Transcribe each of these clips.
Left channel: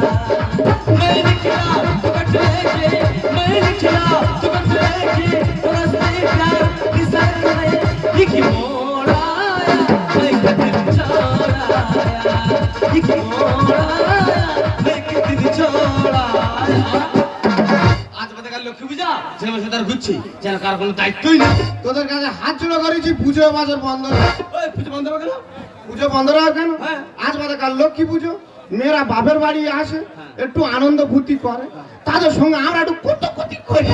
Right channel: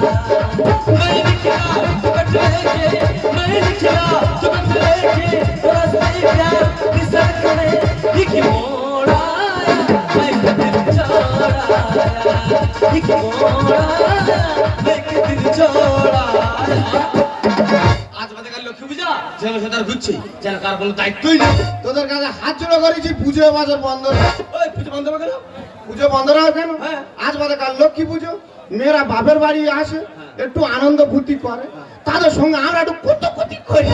मैं लिखा कट लेके मैं लिखा कट लेके थोड़ा सा प्यार निसार करे लिखी मोड़ाया मैं कट छोड़ाया लिखी मोड़ाया मैं कट छोड़ाया আজ বাদে কাল লক্ষ্মী পূজা যেন সেটার ঘুরছি যেন কার কোনো দায়িত্বই নেই তোদের কাছে হাত জোড়া করেছি পুজো বাজার বন্ধ ওই পুজো বন্ধ করে দাও পুজো বন্ধ রাখো কেন আজ বাদে কাল লক্ষ্মী পুজো মেয়েরা বাপের বাড়ি আসে একটু আনন্দ ফুর্তি করে তাদের সঙ্গে আমরা একটু কুতুকুতি করি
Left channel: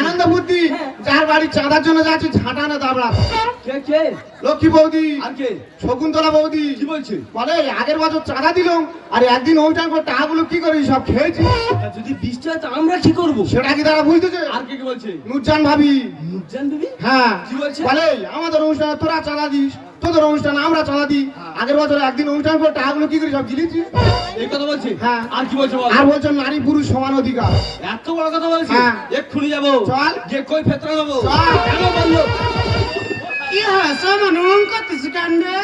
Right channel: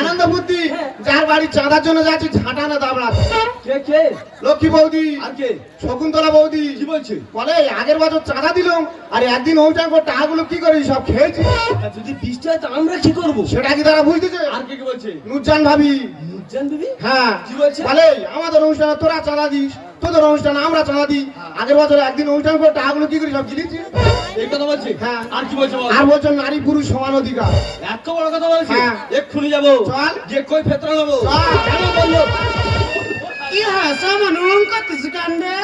আনন্দ ফুর্তি যার বাড়ি চাঁদার জন্য যাচ্ছি ঝাঁটানো দাবড়া কে কে লক্ষ্মী বৌদি আর কে শকুন্তলা বৌদি কি বলছে বলে আগের বছর চাঁদা দিলাম আর একদিন অনুষ্ঠান করে টাকাগুলো কি করি সব খেয়েছি যদি বৃষ্টি হয় তো আমরা কি করবো সেটা কি তারা বুঝতেছে আর কে কে বলছে নুরজান ভাবি নুরজান বিবি হ্যাঁ কি বলছে বলে আমাদের অনুষ্ঠানে তোরা চাঁদা দিস তোদের অনুষ্ঠানে আমরা চাঁদা দিই আগের বছর একদিন অনুষ্ঠান করে টাকাগুলো কি করি সব জিনিস এই কথা বলছে হ্যাঁ আর কি বলছে বল আর বলছে নারী পুরুষ সমান অধিকার এত বড় কথা বলছে হ্যাঁ। এক্ষুনি যাবো চল যে কই ফেতরা দেবো চল। কেন বললো কি হয় সামান করতেছি কান্দে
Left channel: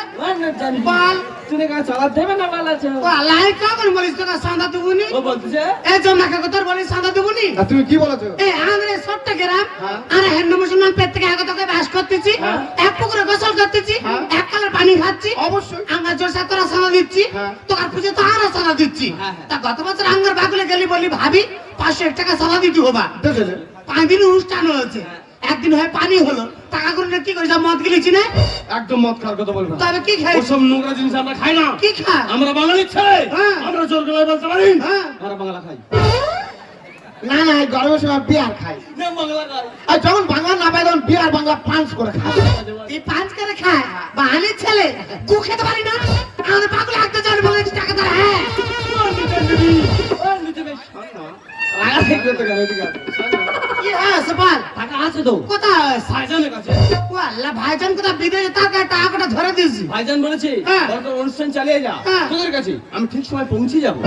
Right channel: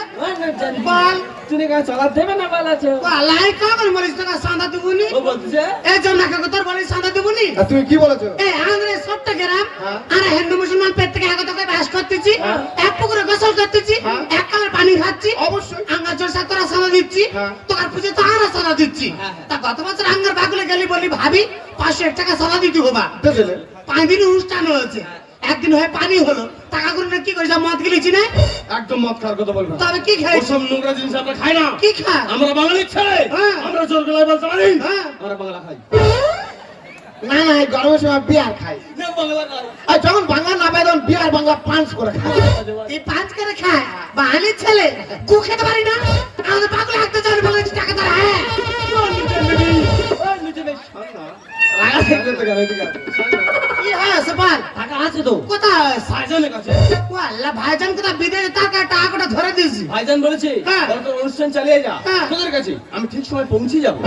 বল তুমি কাছে চালাতে দেবে না বলাছে পালাই কাগর মরিস তো সাদা দুগুনি ও বলছে এই জন্নাকে কত বলিস সাদা দুগুনি তুমি কি বলেছো এই আন্দ্রে সবটা গ্রাম আর হিন্দু মুসলমান প্রত্যেকে এক তোকে বাস করতেছি এক পুকুরে গোসল করতেছি এক কালার পানি খাচ্ছি অবশ্যই আঙ্গা জোর সাতরা সাদা দিচ্ছি তোর পুজো তো আর সাদা দিচ্ছি তা গত বছর আঙ্গার বাগুলে গেলি বলি ভাবি 500 টাকা সাদা দিতে হবা বুঝলে 5 দিন অনুষ্ঠান হয়েছে একদিন হয় পানি হলো টাকা করে কি কইছ মদ গিলিছি না একদম মদ খাওয়ার কথা বলবো তবে কি খাই ওসব নোংরা জিনিস আমরা খাই না কি খাই আমরা বাঙালি ছেলে আমরা জোর গলায় বলতে পারি আমরা বাংলা খাই না না এই গরমের সময় বিয়ার খাই না বাংলা খাই আর যখন বাংলা না পাই তখন বিয়ার বাংলা পাঁচ করে খাই এই পাঁচ করে খায় বাঙালি ছেলে কু খেতে পারি না আমাদের পাগল হাঁটতে যাবে বলে টাকা দাও হ্যাঁ কি হ্যাঁ সবার টাকা আছে তো কোথায় ভাইজানের কাছে ও আল্লাহ ভাইজান কোথা বিদেশে টাকাটা ধরে দিয়েছি ভাইজান বলেছে তোর অনুষ্ঠান চালিয়ে যা তোদের কাছে আমি ঠিক সময় পৌঁছে যাবো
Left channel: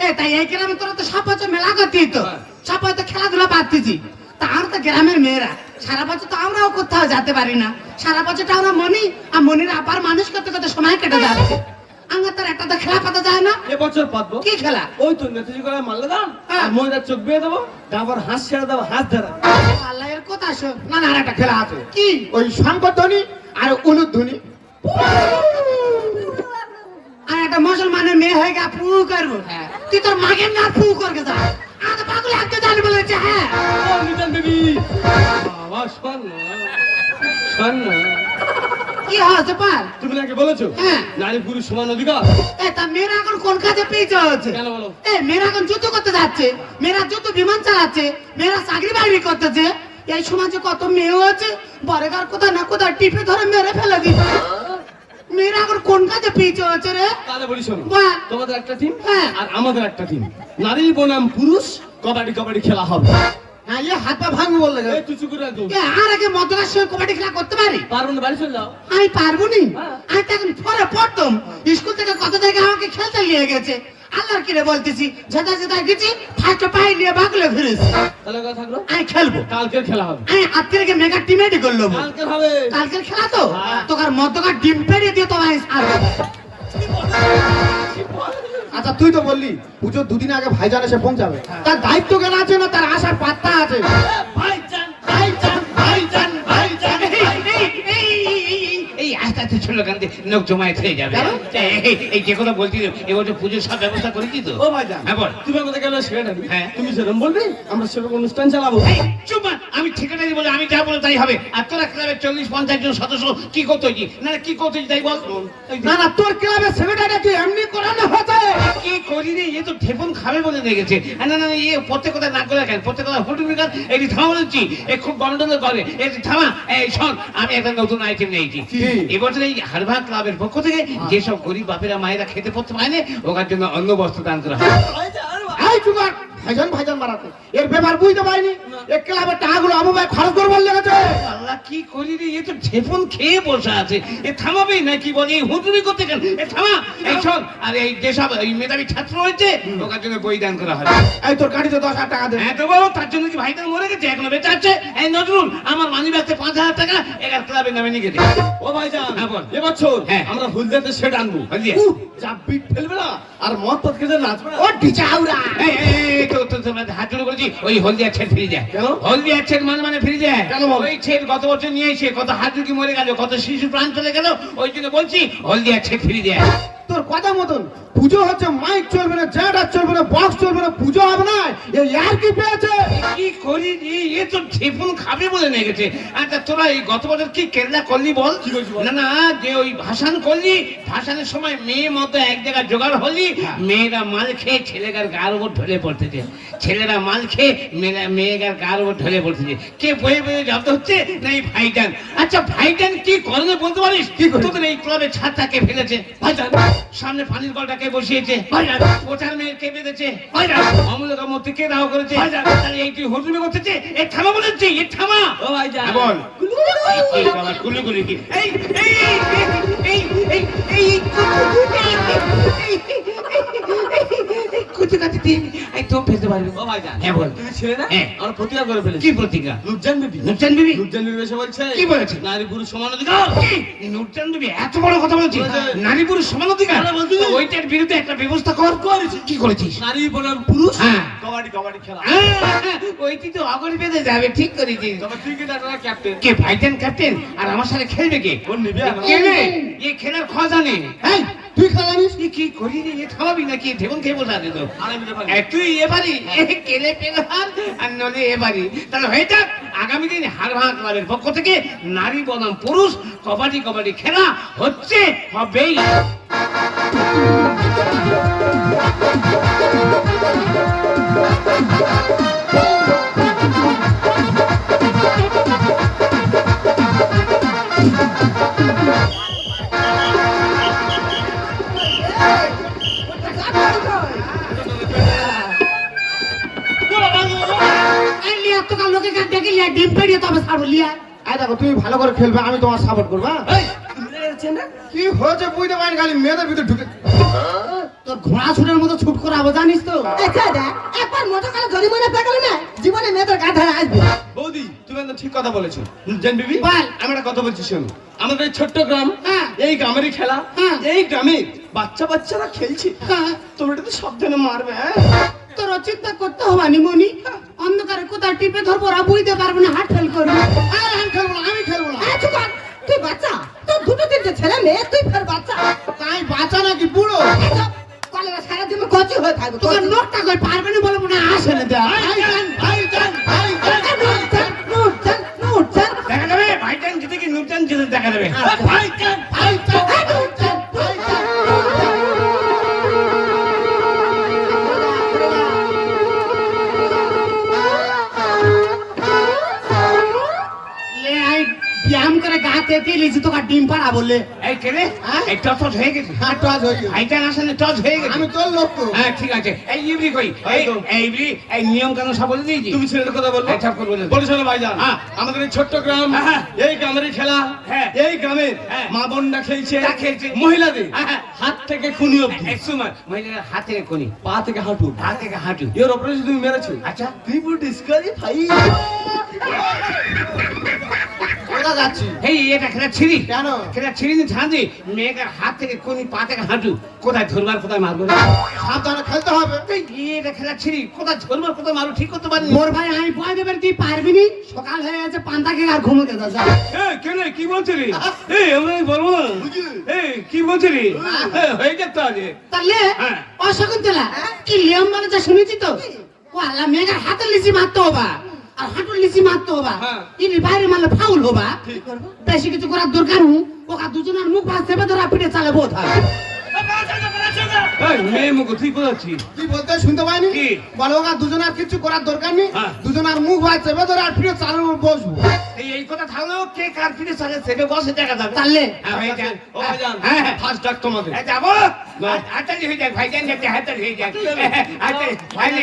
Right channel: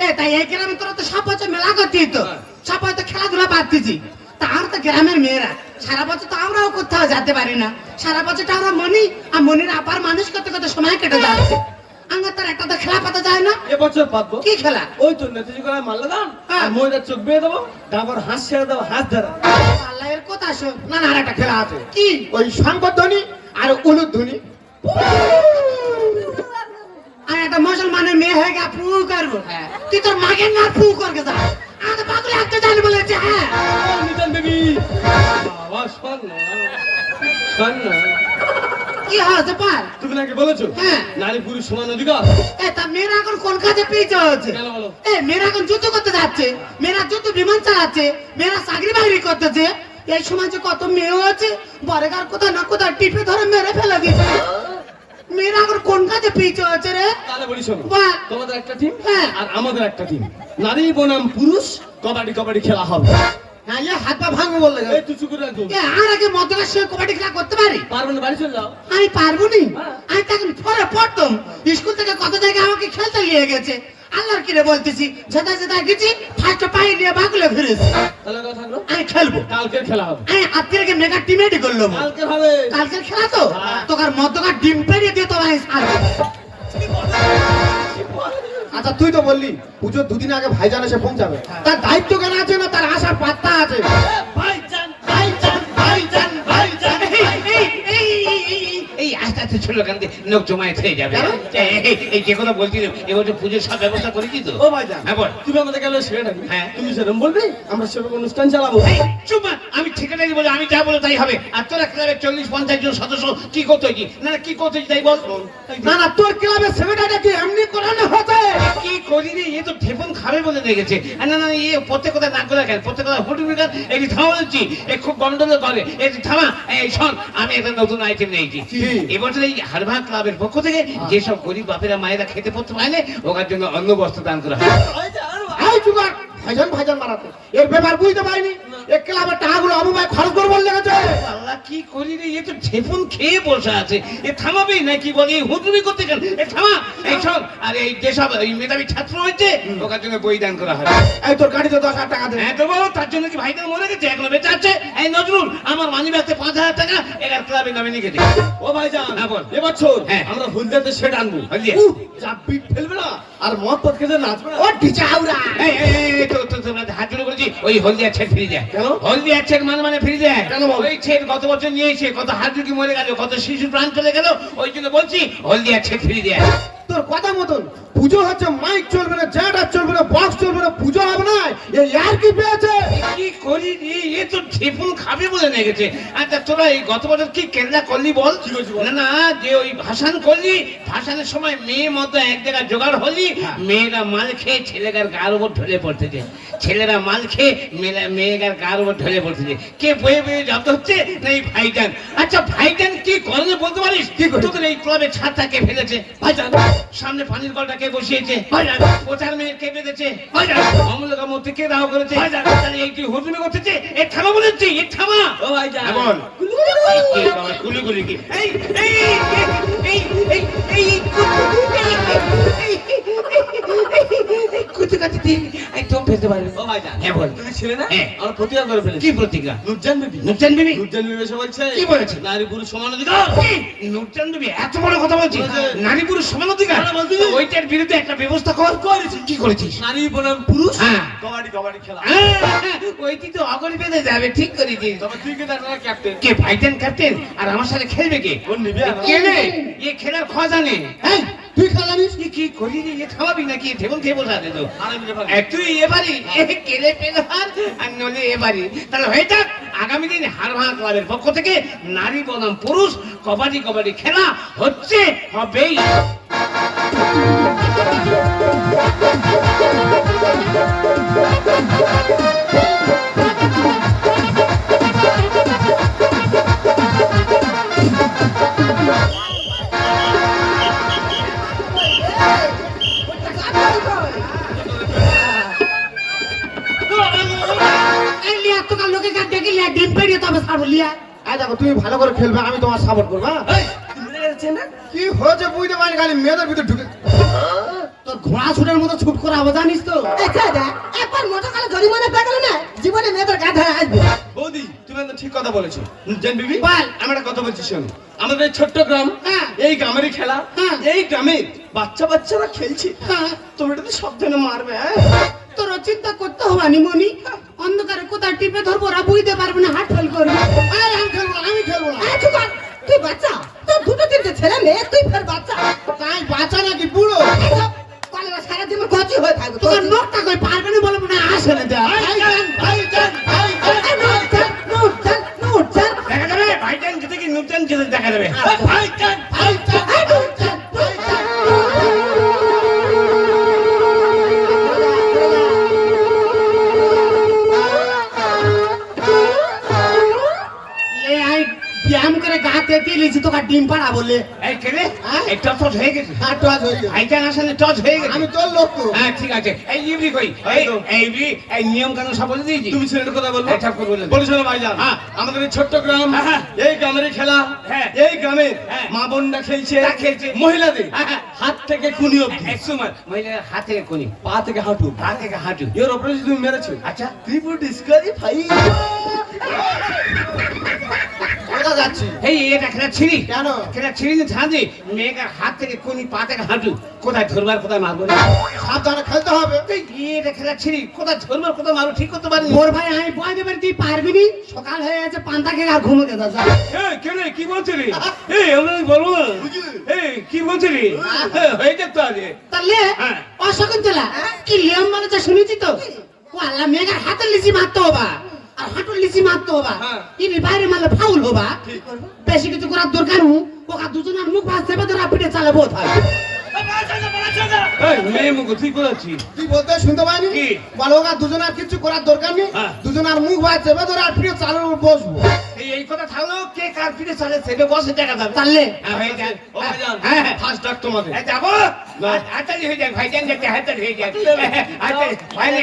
এ তাই এই গ্রামে তোরা তো সব বছর মেলা করতিস তো সব বছর খেলাধুলা পারতেছি তার তো গ্রামের মেয়েরা সারা বছর তো আমরাও কোথাও যেতে পারি না সারা বছরটা আমরা মনি আর মনির আপার মানুষ করতে করতে সময় কেটে যাচ্ছে আমরা তার একটা তো খেলা পাতা যায় না এবছর পাতবো কি খেলা ওই তো নেতাজি করা মাল্লা দান আর মহিলার চোখ বেয়ে দেবো তারপর হাঁস ছেড়ে দেবো হাত ধরা আল্লাহ এর কথা শোন না না আর একটা খেলা আছে কি ওই শঙ্কর ধ্বনি আর উলুধ্বনি আর একটা মুসলমানের মেয়ে হয়ে গা ফু করবো তুই তোর মাকে না ফু করকে যা আমাদের পাগল হাঁটতে জানি বলেছে হ্যাঁ নিজান বেবি বাবা শোন না শোন না কি হচ্ছে পার তুমি নাকি বলেছো হ্যাঁ নারী পুরুষ সমান অধিকার এ তা মেয়েরা এখন কোন কাজে পেয়েছে হচ্ছে কেন বলো এ মেয়েরা এখন যুদ্ধ করতে যাচ্ছে মেয়েরা যুদ্ধ বিমান চালাচ্ছে মেয়েরা চাকরি বাকরি করতেছে এই সমাজে কত মেয়েও আছে বরেগার কোথাও না কোথাও টিপে ধরে মেরে ফেলে দিচ্ছে মেয়েরা এখন কোন কাজে পেয়েছে হচ্ছে রে তাহলে বলি শোনো বাহ। তোমাদের একটা টিম হ্যাঁ। আর আমাদের একটা টিম নারী বনাম পুরুষ কবাডি কবাডি খেলা হবে হ্যাঁ এ হাত পা ভাঙবো বললে এই তুই চুপ করে একদম এ আর আগে মদ্যপান সঙ্গে কবাডি খেলা করতে পারি পারবো না বাড়ি চলে যাও আমি পারবো নি হ্যাঁ। আমি তখন পরে পড়তাম স্কুল থেকে কত জায়গায় আমাকে খেলতে নিয়ে গেছে আল্লাহর কিরে বলতেছি যেটা যেটা গেছি ফার্স্টে পাই দিয়ে বাগুলে ফিরেছি তাহলে কথা থাকলো আমি খেলবো কালকের খেলা হবে আমি আজকে মেগা টিমেটি করলো কালকে হবে কালকের খেলা তো হ্যাঁ। তোকার মদ্যকার ডিম পেরিয়ে দিয়ে তোমার আচ্ছা তুই তো বললি পুজোর দুদিন আগে ভাইজান এসে পৌঁছাবে তার দায়িত্ব কেন আছে না তার আশার পাত্তা আছে ভাইজান ভাইজান ভাইজান ভাইজান এই আস্তে আস্তে ছিল কারণ লোক জমায়েত হয়ে যাবে এই যে কথা বলছি এবছর পুজোর সব ব্যবস্থা করেছি তো ও ভাইজান হ্যাঁ বল তুমি আমাদের গেলে সেটা হ্যাঁ। তুমি সেরকম বলবি আমরা সেরকম অনুষ্ঠান চালাবো চুপ কর, আমি ঠিকানা বলে আমি যা বলে তাই হবে আর তোরা ক্লাবের 40-50 জন সদস্য কি করতে হয়েছি না কি করতে হয়েছি তাই বল না না তোর ক্লাবে সেমিনারটা কি এমনি করানো হচ্ছে কি করি রে এ তো ঠেপন খাবে বলে দেখেছে আর না না এ প্রত্যেক কথা না করে কেন প্রত্যেক কথা হুটুমি গান এটি থামা বলছি এ খুব গন্ডগোল করে এটি থামা এই শোন আমি একটা নতুন আইটেম নিয়েছি এবছর এই হারভা ক্লাবের পক্ষ থেকে যেসব গরিব বাপেরা মায়েরা খেতে পড়তে পারে না ওর জন্য অন্ন বস্ত্র দান করা হয় এই জুগার ভাইজান ভাইজান মারাতো এর ব্যাপার বুঝতে পারিনি এক ক্লাবের টাকাগুলো অববাই খরচ করবার লেগেছে। আল্লাহ কি করি রে, এ তো ঢেপন খেয়ে বসে আছে, এ থামাবেই না কি বলি, হুজুরি করতে গেল, এ থামা এই সব। আর এই যেসব এই মেধাবী ছাত্র হয়েছে ওকার জন্য বই দান করা হয়। এই তোর গাড়িতে 10,000 টাকা দে। হ্যাঁ তো বলো, তার জন্য কি ভাইটা মরে গেছে, এখনো বেঁচে আছে? এই নজরুল, আমার মানি ব্যাগতে 5,000 টাকা এগার ক্লাবের নামে নিয়ে গেছে। ও ভাইজান হ্যাঁ বল। এবার শোন, হ্যাঁ। আমরা হলদিয়াতে সেট আনবো। হলদিয়া? যা বিট ফেলবে না আর মদ পদ খেতে নাচবে না। ও ডিজে হাউরা এই তো হাত জোড়ে বলছি, ওই হলদিয়া ছেড়ে ফিরে যায়। কেন? হলদিয়া ছেড়ে মানে ফিরে যায় কেন বল? ওই ছেড়ে গত বছর নিয়ে এসে কত হাত জুটি মরে গেল, কত শিশু প্রাণ চলে গেল, ওই জন্য বলছি হলদিয়া ছেড়ে ফিরে যায়। তোর কথা মতন পুজো হচ্ছে, মাইক চলবে না, জ্যাঠা চলবে না, বক্স চলবে না, পুজো হবে না। এই আর কি পেয়েছে? কি করি রে, এ তো ঢেপুন খাবে বলে নিয়ে গেছে। আচ্ছা তোরা এই গত বছর কি কেরলা করলি বল? কি করেছি বল? না না, যে ওই ভাসান করলি, ভাসানের সময় মেয়ে মতো এক জায়গায় জোগাড় হলি, মেয়েরা মাল খেয়ে ছেলেগার গার উপর ঢলে পড়তেছে, ছেলেরা মাল খেয়ে মেয়েগার গার উপর ঢলে পড়তেছে। কে বয়ে বয়ে জব্দ হচ্ছে না এই ভাইজান। আচ্ছা ভাইজান কি করবে বলতে পারিস? কি করে? তোদের এই ক্লাবের ছাদটা কে ফেলেছে? ভাইজান। সামনে পানির কলটা কে বসিয়েছে? ভাইজান। পোচার মেয়ে কে বেঁধেছে? ভাইজান। অমূল্যকা মূর্তি কে দাহ করেছে? ভাইজান। তাহলে এই তুই হুজুরি করতেছে, এ থামা বলেছি, এ থামা। ও ভাইজান। হ্যাঁ বল। এই বাবা, গুলি কি? এই এই এই এই এই কুচি কাটি দিন একদম ফেলতে পারবি। ও ভাইজান। হ্যাঁ বল। তুমি ছেলে না? হ্যাঁ। আমার প্রতিজ্ঞা করে ফেলেছি। কি প্রতিজ্ঞা? নুরজান বিবি। নুরজান বিবি? নুরজান বিবি এসে বলছে কি বলেছে? নারী পুরুষ সমান অধিকার। নুরজান বিবি এত বড় কথা বলছিস? বলেছে। নারী পুরুষ সমান অধিকার? হ্যাঁ, বলছি। ওইটার বিরুদ্ধে একটা ব্যবস্থা করেছিস। কি করেছিস? নারী বনাম পুরুষ হ্যাঁ। কবাডি কবাডি খেলা। ওইটি তো অগরি বেঁধে যাবে, ঠিক করেছিস। তবে তুই কি তার ক্যাপ্টেন? কে ভাইজান ক্যাপ্টেন? আর আমার সাথে খেলবে কে? ওর নিবি আর কে রে? এ খেলার খাওয়া জানে। এই তুই খেলানিস? তুই কি করি রে, এ খাওয়াবি নাকি? ঢেবন খেয়ে বসে আছে তো। আমি মিলে পারি। তুই এবারই কেলে পেলার আর নলে এবারই, তাহলে হয়ে যাক আগামী দিন হারভাঙা ক্লাবের পক্ষ থেকে নারী বনাম পুরুষ কবাডি কবাডি খেলা হচ্ছে, হবেই। এই লিয়া তো কাল লোকে কাট দেখি লিয়া ডিম পেড়িয়ে তবে সারু লিয়া আয় দেখো তুমি ভালো করে খেলবে, আমি তোমার সাপোর্ট করবো। হ্যাঁ? না কি হয়েছে বুঝতে পারিনি, খালি মেয়েদের ভিতরে ঢুকে। তোর ঘোড়া ছুটের মতো ছুট করাবো জানিস তো? আচ্ছা দা একবার মোটর কালে জরিমানা পেটালে না জীবনে মেয়েদের গা ধরে আসবে। বৌদি তুমি একদম ঠিক কথা বলেছো। নুরজান বিবি বল। আমি একটা কথা বলছি শোনো, আমাদের এই ছোট্ট গ্রাম, হ্যাঁ। এই গ্রামেরই খেলা, হ্যাঁ। এই গ্রামে বাচ্চারা খেলছে, হ্যাঁ। তুমি এটা তো সাবধানে মারবে। হ্যাঁ? তোর চিন্তা করতে হবে নি মনি, অন্ধকারে কোথায় টিপে ধরবো ওরা বুঝতে পারবে না, হাট ফেল করবি। আরে আমি খেলবো না, আমি খেলবো না। আয় চুকান তুই বাচ্চা, তোর দুটো তিনটে ছেলে মেয়ে, তুই ফের বাচ্চা। তাই বাচ্চা নাকি বুড়ো? কলেরা সারা জীবন গচি হয়ে থাকবে তোর নোটটা কই পারবে না বলে মনে আসলে দেয়। ভাইজান। দেখা যাবে ভাইজান জিতে কি নুরজান জিতে দেখা যাবে। ভাইজান। লে আই ব্যায়াম করে গাতে তেলেছি তোকে ডিম পাড়া বললে। এই কেলে এই টচ হয়ে গেছে। হ্যাঁ, টচ হয়ে গেছে। ভাইজান আসলে টচ হয়ে গেছে। আমি তোর লোক তো। হ্যাঁ ঠিক আছে। এই ইবরি কই? এই তো। এই ইবরি এই নিয়ম কানুন সব বলে দিয়েছি। তুমি ছেলের কথা বলবো? আচ্ছা, করে বলে দাও। বলিস না ভাইজান। হ্যাঁ। আমাদের এই ছোট্ট গ্রাম, হ্যাঁ। এই গ্রামের খেলা, হ্যাঁ। এই গ্রামের হ্যাঁ। মা বোনরা খেলছে, তা খেলছে। মহিলাদের হ্যাঁ। হাত থেকে খুনি অব্দি, এক সময় মহিলার হাতে কোনি, পা থেকে হাঁটু, পা থেকে হাঁটু। এর ওপরে যদি তুমি মেরেছো, আচ্ছা তুই পুরো ডিসকালিফাই। কোথা যাচ্ছি? এই এটা খেলা ছিড়ি কেন? খেলা ছিড়ি না ছাড়ি, মেয়েটার হাত থেকে কোনি, পা থেকে হাঁটু, কোথায় ধরবার কোথায় মারবো না। সাবধানে খেলতে হবে। এটা খেলা ছিড়ি, কোথায় ধরবার কোথায় মারবো ঠিক করতে পারিনি। মোর ভাই আমি বয় দেবে, তুই পারবি নি। সকাল হয়ে গেছে, পান্তা খেয়ে আর ঘুমোতে যা। কেন কি বলছিলি? এই আমরা বলবো এই কি বলছিলি? হয়ে যেত আগে। তাহলে হ্যাঁ। অশকুন্তলা কি লিয়ম মানে শুনেছি তো, ও আল্লাহ মেয়ের হাতে লিচি মারতে হবা আর হাঁটুর লিচি মারতে হবা, হ্যাঁ। ইনি বাইরে মারলে ফাউল হবা। ঠিক করবো। বেশি কিছু করার দরকার নেই, ওকা দুজনের মুখ ভাত চেপে ধরা পিঠে চালাবো থাকবে। মেয়ে মুখ তুই কোথাচ্ছিস? তুই বলতে শুনতে পাইনি? কি? বলো ওরা দুজনের কিছু করার দরকার নেই, হ্যাঁ। দুজনের মুখ ভাই চেপে ধরে আর ফিরে চালু বসবো। এই এই কথা থাকলেও কে কার পিঠে চলে সেবে বসে দেখা যাবে। তাহলে হ্যাঁ, হয়ে যায়। ও ভাইজান হ্যাঁ, হ্যাঁ। ফার্স্ট ডাক তোমাদের এই যাবো হাততালি হয়ে যাক ভাইজান যাতে হাততালি হয়ে যাক হাততালি ভাই নে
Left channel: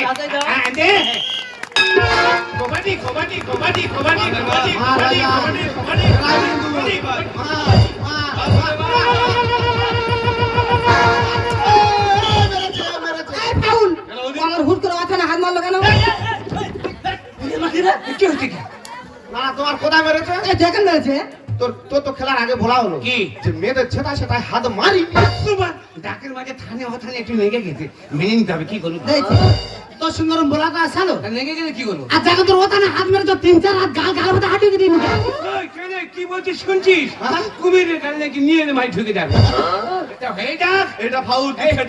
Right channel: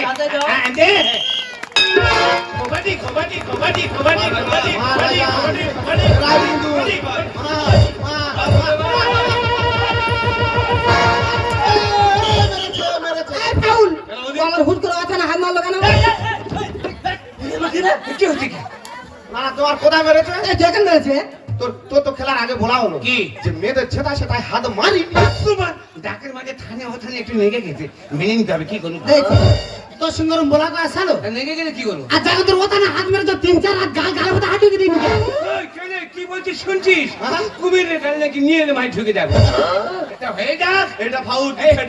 হ্যাঁ দে কবাডি কবাডি কবাডি কবাডি কবাডি কবাডি কবাডি কবাডি এই পাউল আমার হুট করে অচানা হাত মারলো কেন কি হচ্ছে কি না তোমার কোথায় মেরেছে? এই দেখেন মেরেছে তোর তোর তো খেলার আগে বলা হলো কি? যে মেয়েদের ছেদা সেটাই হাত মারি। ডাকের মাঝে থানে ওখানে একটু লেগে গেছে মেনে নিতে হবে কি করবো তো সুন্দর বলা কয় ছাড়ো লেগে গেলে কি করবো আর যখন তোর ওখানে হাত মেরে তো 3-4 হাত গাল মতো হাঁটিয়ে দিবি ওই, কেনে, কি বলছিস শুনছিস কুমিরের কারণে নাকি নিয়ে এলে ভাই ঢুকে যাবে এটা হয়ে যাক এটা ফাউল এটা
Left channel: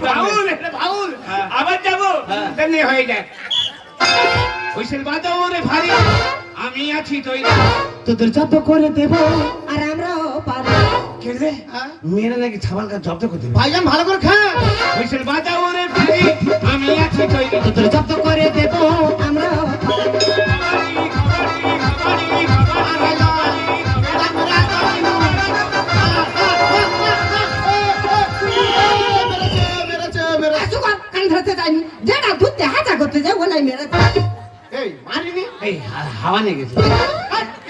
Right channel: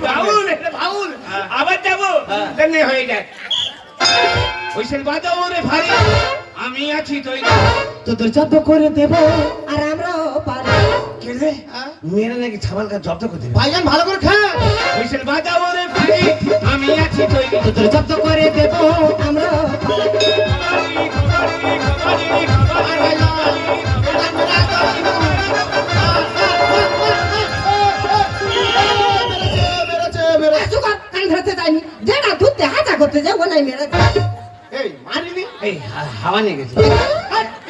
ভাউল আবার যাবো তেমনি হয়ে যাক হুইসেল বাজাও রে ভাই আমি আছি তৈরি তোদের জব্দ করে দেব আর আমরাও পারি কেনে মেয়েরা নাকি ছাবালকা জব্দ করে দেবে ভাইজান ভালো করে খা। হুইসেল বাজাও রে ভাই আমি আছি তৈরি তোদের জব্দ করে দেব আমরাও পারি মেরেছে মেরেছে। চুপ কর, কান ধরতে যাইনি যেটা ঘুরতে হাজা করতে যাবো নাই মেরেছে এই মারিনি। এই হাওয়া নিয়ে গেছে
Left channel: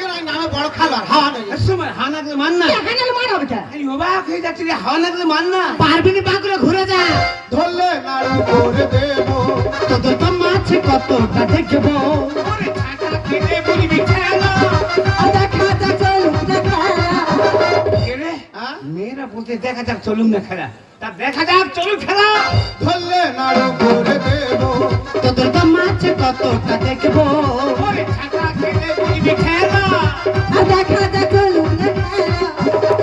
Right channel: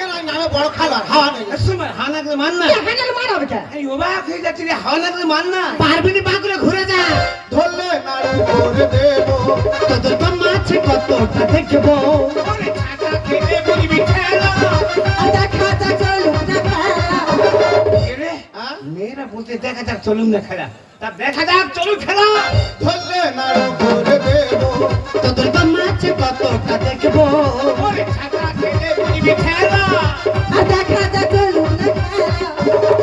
এর ওই নামে বড় খেলোয়াড় হাওয়া নেই। সময় হাওয়া লাগলে মান না হ্যান্ডেল মারাবে কেন এই অবাক হয়ে যাচ্ছে যে হাওয়া লাগলে মান না পারবি না বাগুলো ঘুরে যা ধরলে নাড়ু করে দেবো। তোদের তো মাছে কতটা দেখবো ওরে ছাতা খেলে বলবি খেলো দেখা যা চলুক দেখা কেনে হ্যাঁ? মেয়েরা বলতে দেখা যাক চলুন না খেলা তা দেখা যাক চলুন খেলা ধরলে নাড়ু করে দেবো। তোদের তো মাছে কতটা দেখবো ওরে ছাতা খেলে বলবি খেলা দেখা যা চলুক দেখা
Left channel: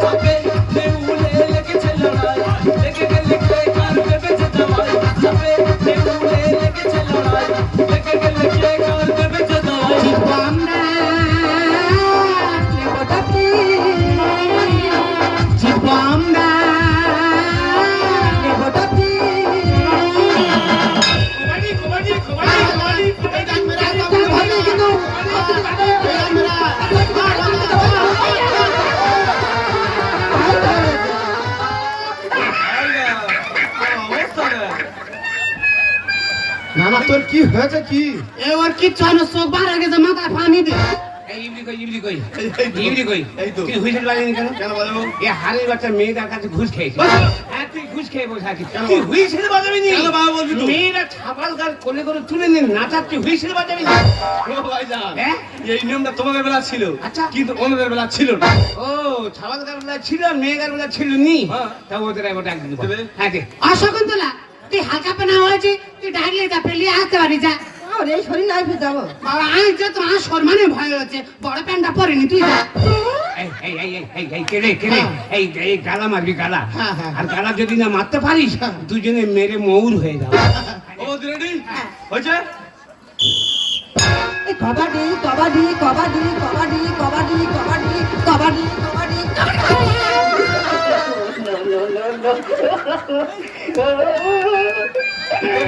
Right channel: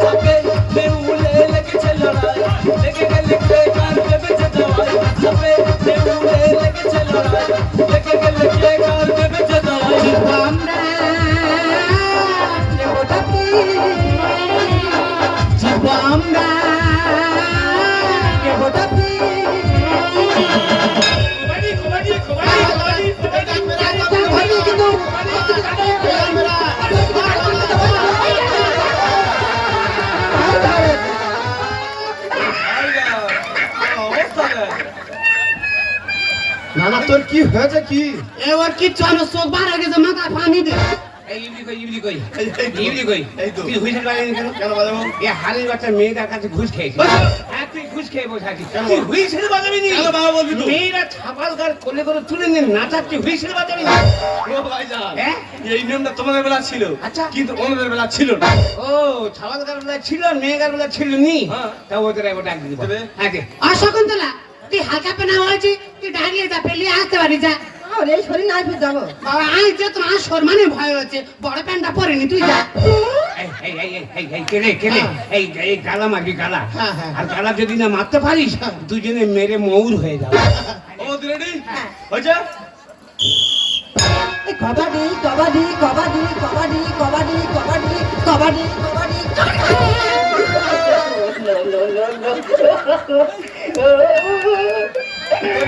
আবে দেউলে লেগেছে লড়াই লেগে গেলে কে কার দেবে দওয়াই আবে দেউলে লেগেছে লড়াই লেগে গেলে কে কার দেবে দওয়াই জীবন না ওটাতে জীবন না ওটাতে কবাডি কবাডি কবাডি কবাডি তার ভাগে কিন্তু না না তোর কি হয়েছে কি? এবার কি চানো চোখ বাড়া গেছে মাথায় পানি দে এই ইবলি কই ইবলি কই এই তো। তুই হুইসেল বাজাবি কেন কেন বাজাবো? এ হাড়ির বাচ্চা মেয়েদের কাছে ঘুষ খেয়েছিস হ্যাঁ তুই ঘুষ খেয়ে বসে আছিস কেন? তুই হুইসেল বাজাবি নি কেন বাবা বলবি তো? মেয়েরা ছাপাল গার কোলে করে তুলে নিয়ে নাচার তুই হুইসেল বাজাবি না ও ভাইজান হ্যাঁ? এই নিয়মটা তোমাদের বেলা ছিল আচ্ছা। কিন্তু ওনাদের বেলা ছিল না। ও ছাপাল গার বেলা ছিল মেয়েগার বেলা ছিল নি হ্যাঁ। তা ওদের আমি ডাক দিতে দেবে? হ্যাঁ দে অশকুন্তলা তুই হালকা পেনা হয়েছে তুই ডাকলে যা পেলিয়ে আসতে পারি যা ওরে শরীর নাই যাবো বাবা আজ যে তোমার সম্মানে ভয় হচ্ছে বড় প্যান্টটা পরেনি তুই যা এই কেনে এই গালা মারবি গালা হ্যাঁ, হ্যাঁ। আর গালা যদি না মারতে পারিস দুজনে মেরে মৌর হয়ে যাবে ও রেডি হয়েছে কবাডি কবাডি কবাডি কবাডি কবাডি কবাডি কবাডি কবাডি তোর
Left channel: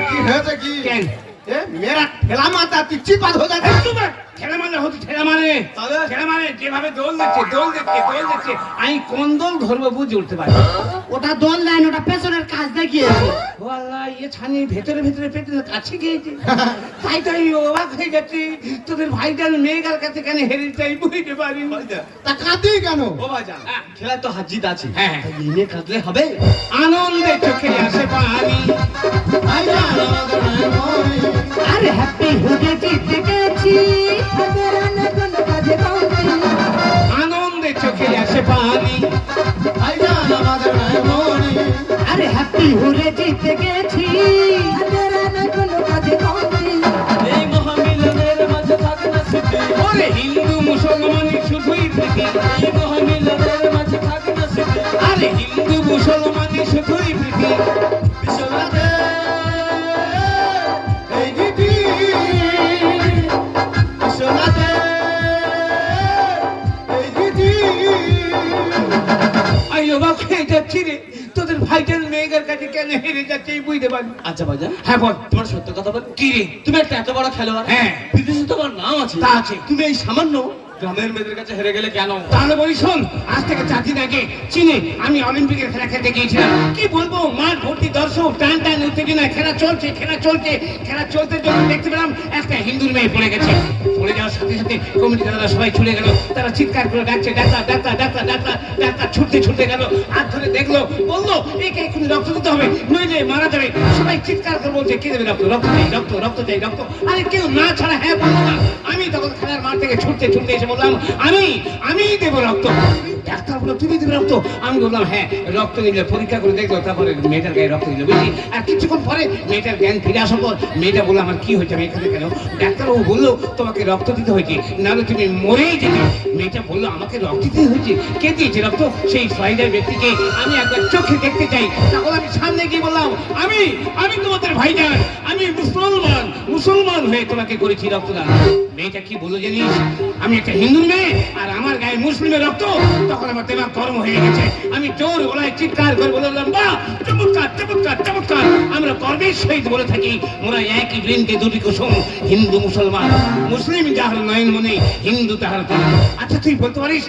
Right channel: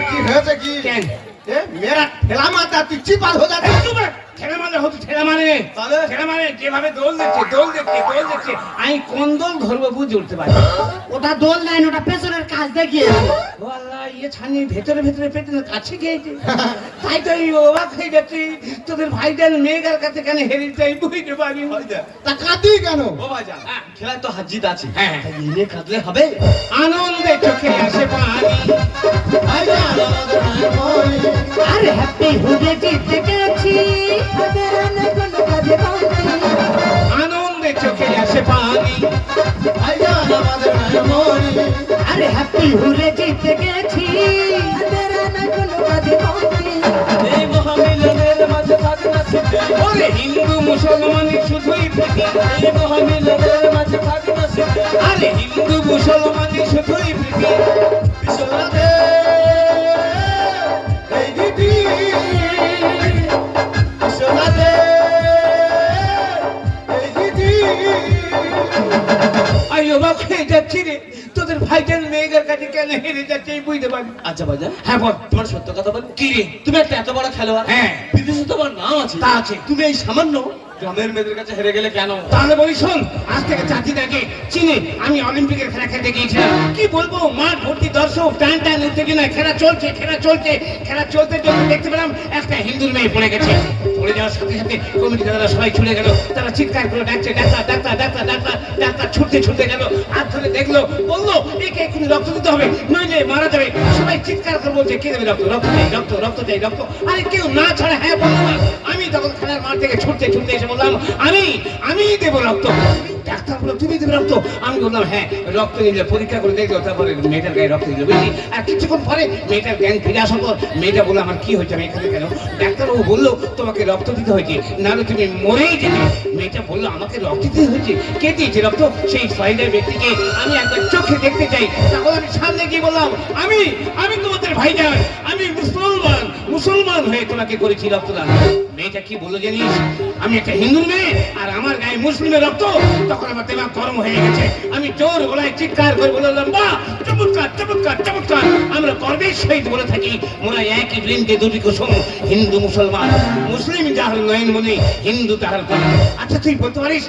কি হয়েছে কি? কেন? এ মেয়েরা ঠেলা মারতা তুই চিপাত হয়ে যাচ্ছিস। ঠেলা মারলে হতো ঠেলা মারে তাহলে? ঠেলা মারে যেভাবে দোল দেখছে আমি কোন দোল ধরবো বুঝে উঠতে পারি ওটা দোল লাইন ওটা পেছনের কাজ দেখিয়েছে ও আল্লাহ ইয়ে ছানি ভেতরে পেটের কাছে গিয়েছে তাই তো এই অবাক হয়ে যাচ্ছি তোদের ভাইজান মেয়েগার কাছে কেন হেরে চাই বুঝতে পারি তা কাঁদি কেন? ও ভাইজান খেলায় তো হার জিত আছে হ্যাঁ। তাই নিয়ে কাঁদলে হবে আনন্দে চোখে আসে পানি ভাইজান আমাদের মেমোরি। আরে হ্যাপি হুডে জিতে গেছি ওদের অনেক কাজে পাওনি আনন্দে চোখে আসে পানি ভাইজান আমাদের মেমোরি। আরে হ্যাপি হুডে জিতে গেছি ওদের অনেক কাজে পাওনি এই মহামিলনের মাঝে থাকে না স্মৃতি ওরে হিন্দু মুসলমানের শুধুই প্রীতি এই মহামিলনের মাঝে থাকে না স্মৃতি আরে হিন্দু মুসলমানের শুধুই প্রীতি বিশ্বনাথে এই গীতি। বিশ্বনাথে এই গীতি। আমি অবাক হয়ে যাচ্ছি রে তোদের ভাইজান মেয়েদের কাছে কেন হেরে যাচ্ছে এই বুঝতে পারি আচ্ছা ভাইজান হ্যাঁ বল তোমার সত্য কথা বল কি রে তুমি একটা এত বড় খেলোয়াড় হ্যাঁ। বিদেশে তোমার নাম আছে তা আছে। তুমি এই সামান্য গ্রামের মেয়েদের কাছে হেরে গেলে কেন? তাহলে বলি শোন, আজ থেকে 4 দিন আগে চীনে আমি অলিম্পিকের খেলা খেলতে গিয়েছিলাম। কি বলবো, মাঠ ভর্তি দর্শক, টান টান উত্তেজনা, খেলা চলছে। খেলা চলতে দেখতে পেলাম একটা হিন্দুর মেয়ে পড়ে গেছে। পড়ে যাওয়ার সাথে সাথে কমিটি দাদারা সবাই ছুটে গেল। তারা চিৎকার করে ডাকছে, ডাক্তার ছুটতে গেল। হাত ধরে দেখলো, বললো একে এক্ষুনি রক্ত দিতে হবে, নইলে মারা যাবে। সবাই চিৎকার করে বলছে, কে দেবে রক্ত? রক্ত চাই। আরে কেউ না ছাড়া হ্যাঁ বললো না। আমি তখন খেলার মাঠ থেকে ছুটতে এসে বললাম, আমি দেবো রক্ত। ডাক্তার বললো, তুমি দেবে রক্ত? আমি বললাম হ্যাঁ। রক্ত নিলে পরীক্ষা করে দেখলো, তারপরে মেয়েটার গায়ে রক্ত দিল, বুঝলি? আর কিছুক্ষণ পরে মেয়েটার জ্ঞান ফিরে আসার পর মেয়েটা বললো, আমার কি হয়েছে, আমি এখানে কেন? ডাক্তারবাবু বললো, তোমাকে রক্ত দিতে হয়েছে, নাহলে তুমি মরেই যেতে। মেয়েটা বললো, আমাকে রক্ত দিতে হয়েছে? কে দিয়েছে রক্ত? সেই ফাইলের ব্যক্তিকে আমি একবার চোখে দেখতে চাই। তখন আমি সামনে গিয়ে বললাম, আমি তোমাদের ভাইজান, আমি মুসলমান হয়ে তোমাকে করেছি রক্তদান। মেয়েটা কি বললো জানিস? আমি একটা হিন্দু মেয়ে আর আমার গায়ে মুসলিমের রক্ত। তখন আমার দেমাগ গরম হয়ে গেছে। আমি জোর গলায় চিৎকার করে বললাম, বাহ, চমৎকার। আমরা গর্বের সহিত বলে থাকি, মোরা একই বৃন্তে দুটি কুসুম, হিন্দু মুসলমান। মুসলিম যাহার নয়ন মনে, হিন্দু তাহার প্রাণ। আচ্ছা তুই বলতে পারিস